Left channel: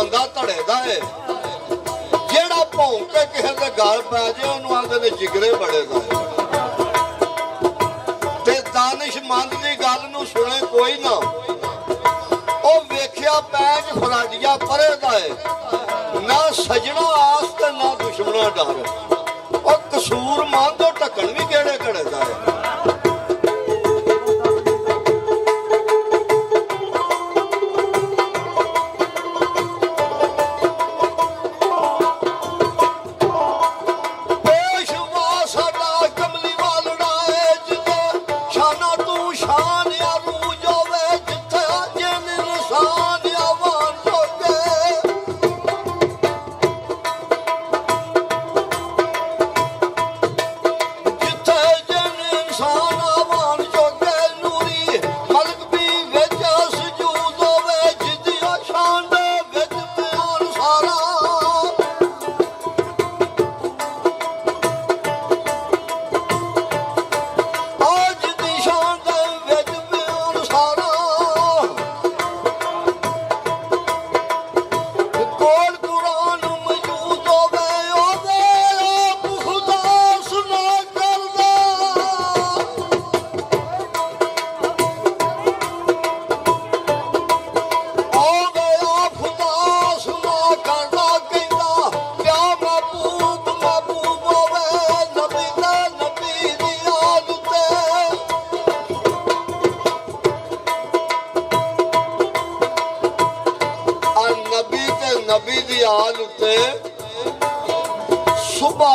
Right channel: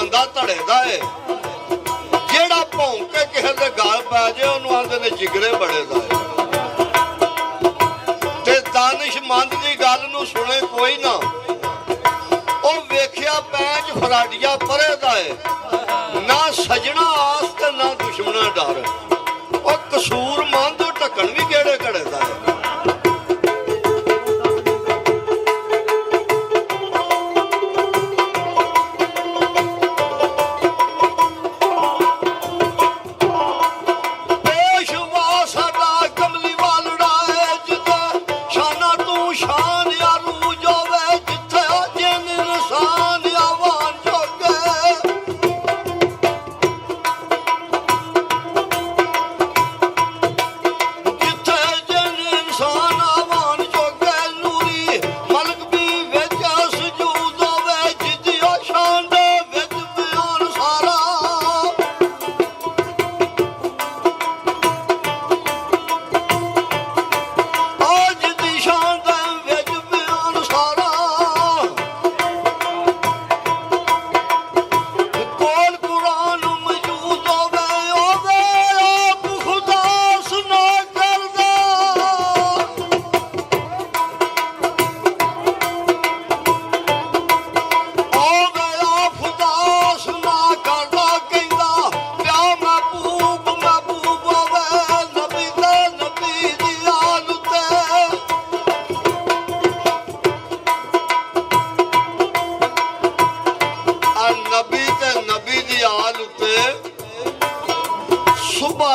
ਬੰਦਾ ਧੜੇ ਦਾ ਏ, ਜਿਹੜਾ ਭੌਂਕ ਕੇ ਕਿਸੇ ਦੇ ਗਲ ਪੈ ਜਾਏ ਉਹਨੂੰ ਆਂਦੇ ਨੇ ਜਿਗਰੇ ਬੜੇ ਦਾ ਏ। ਤੇ ਦਾਨਿਸ਼ਮੰਦ ਦੀ ਗੱਲ ਨੂੰ ਸੁਣੇ ਕੋਈ ਨਾ, ਉਹ ਵੇਖਿਆ ਪੈਂਚ ਫਰਾਡੀਆ ਪਰੇ ਦਾ ਏ, ਨਾ ਸਜਣਾ ਆਸ ਤੇ ਨਾ ਦੁਸ਼ਮਣਾ ਡਰ। ਉਹ ਕਸੂਰ ਮੰਦ ਉਹ ਢੱਕਣ ਵੀ ਕਿਹੜੇ ਘੜੇ ਦਾ ਏ।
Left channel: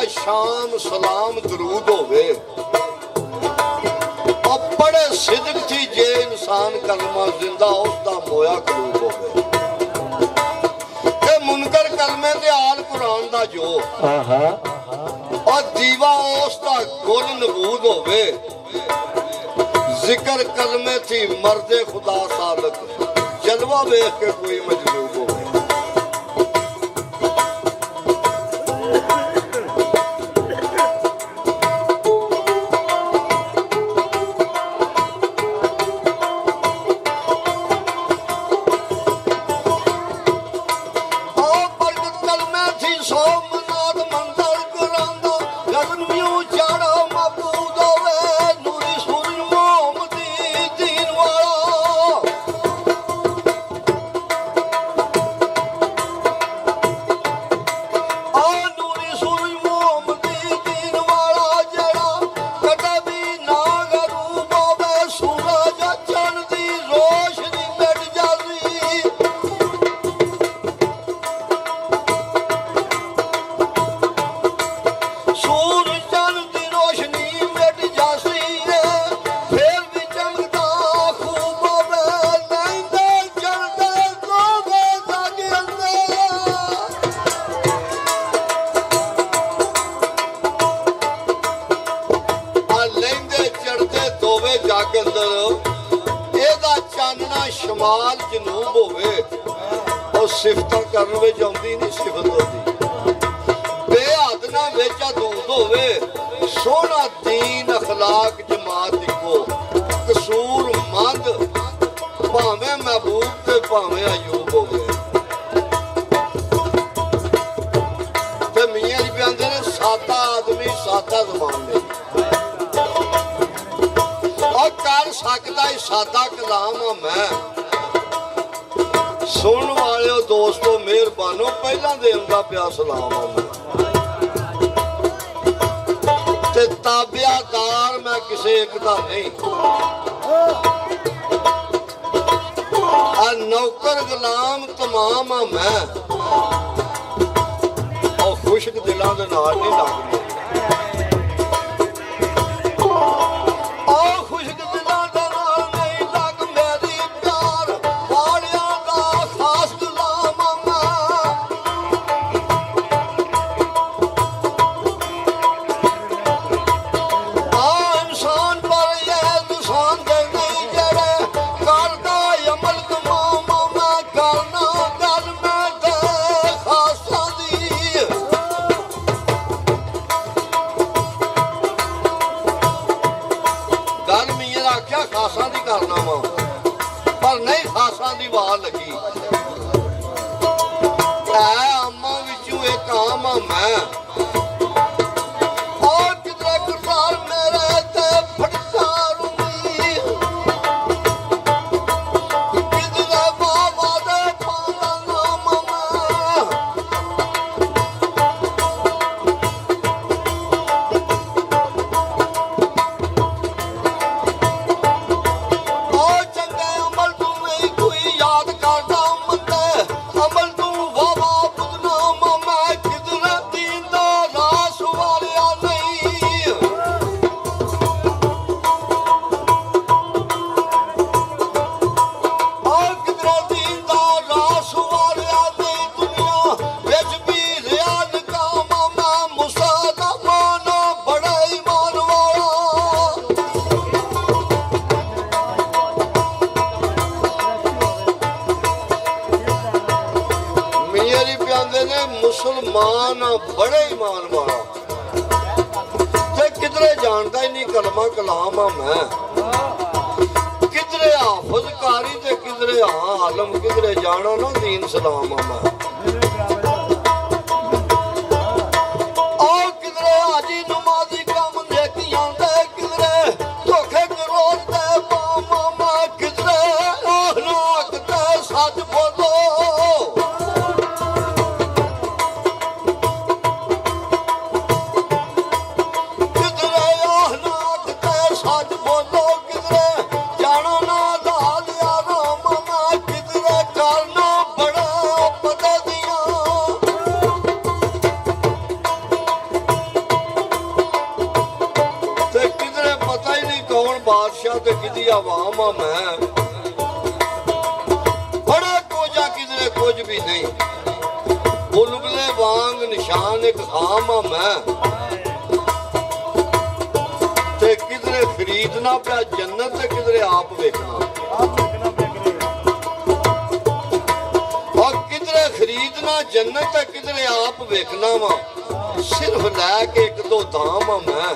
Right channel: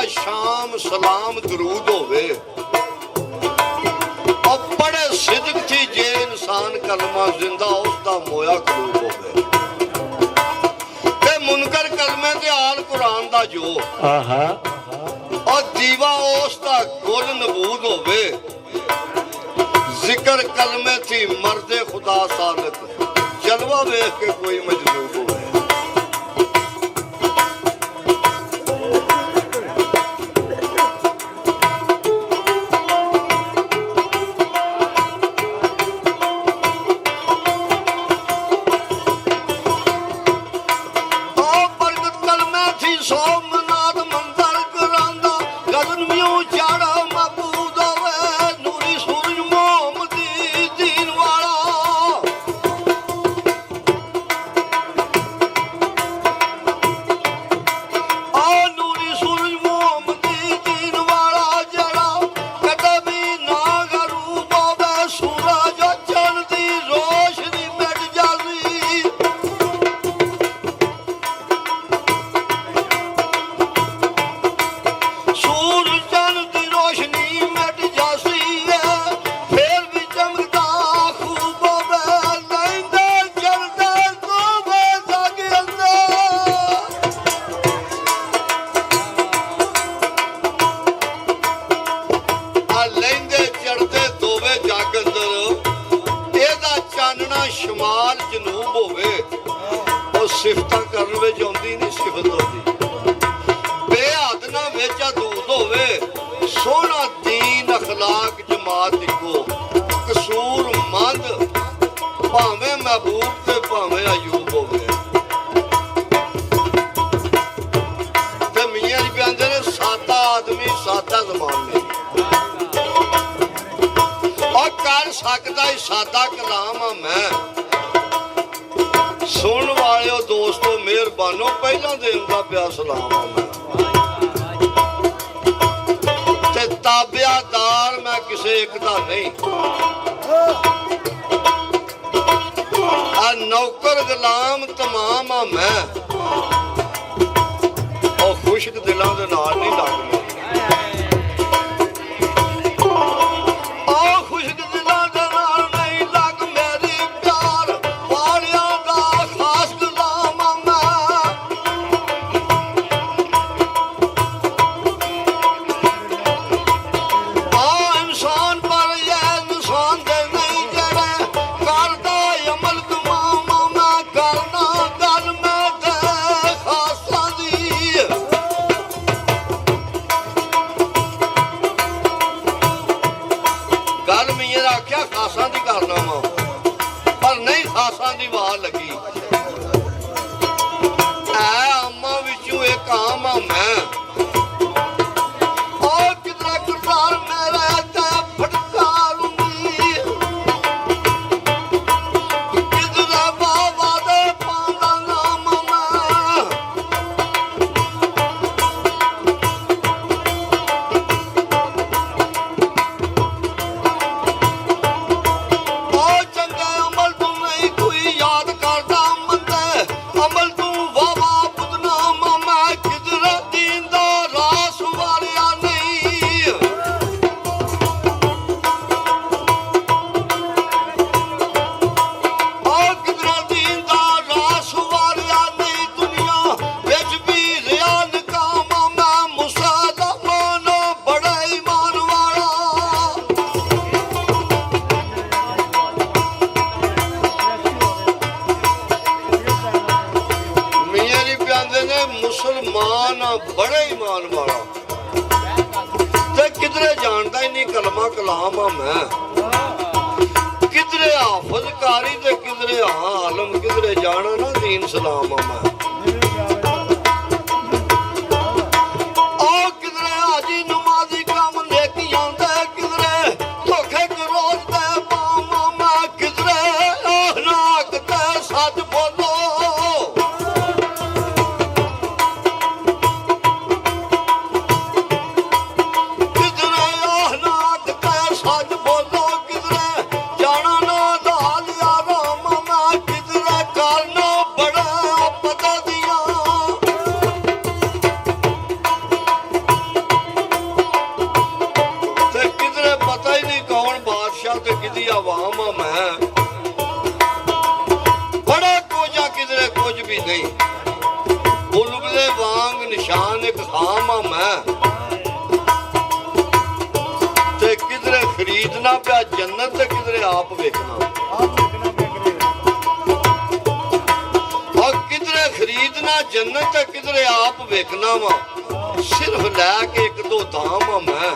शाम सलाम दरूद होवे और बड़े सिदक थी जे इंसान कलमा जिंदा उसका मोया करूब होवे ते मुनकर कलमे ते आल कुरान दा जो और दीवा उसका गुल नबूद होवे जिक्र कलमे थी मर्दे खुदा सादक जलवा वेख के कोई मजबूर होवे। शमाल जनूब होवे और सिफत करन विच आउंदी नहीं सिफत होंदी बेहद ना विच अदूद होवे सोहना दीन अखलाक जमात इको कसूर मंद भावें महबूब ते भावें अयूब होवे ते मियां जी कहंदे ने सादा आदमी सादा ज़मान ने और कर सकदा ही सादा कलाम आ मैं सुन वाले दोस्तों मेहरबानो पहला देवदा पिया सलाम ते ताबियादार मैं किसे एक दा नहीं नौकर गुलाम तमाम मैं और खुशक दिलों दे नाल नहीं लगदी ਮੁਸਲਮਾਨ ਆ, ਬੜਾ ਈਮਾਨ ਵਾਲਾ, ਤੇ ਕਿਧਰੇ ਜਾਣਦਾ ਹੀ ਨਹੀਂ ਕਲਮਾ ਕਲਾਮ ਆ ਮੈਂ, ਕਿਧਰੇ ਹਾਫਜ਼ ਕਾਰੀ ਤੇ ਕਿਧਰੇ ਆਲਮ, ਕਿਧਰੇ ਜਾਣਾ ਨਾ ਦੀਨ ਸਲਾਮ ਆ ਮੈਂ। ਤੇ ਕਿਦੀ ਆਵਾਮ ਆ ਮੈਂ, ਬੜਾ ਕੋਝਾ ਕਿਧਰੇ ਕੁਝ ਵੀ ਨਹੀਂ, ਬੁਲਬੁਲੇ ਵਾਂਗ ਨਿਸ਼ਾਨ ਇੱਕ ਖਾਮ ਆ ਮੈਂ, ਤੇ ਕਿਧਰੇ ਖਰੀਦਣਾ ਪਿਆ ਜੰਨਤ ਤੇ ਕਿਧਰੇ ਆਪ ਵੇਖਣਾ, ਔਰ ਕਿਧਰੇ ਖਰੀਦਣਾ ਜੰਨਤ ਤੇ ਕਿਧਰੇ ਆਪ ਵੇਖਣਾ ਵਾ, ਸਿਰਫ ਲੈ ਕੇ ਇੱਕ ਦੋ ਧਾਮ ਆ ਮੈਂ।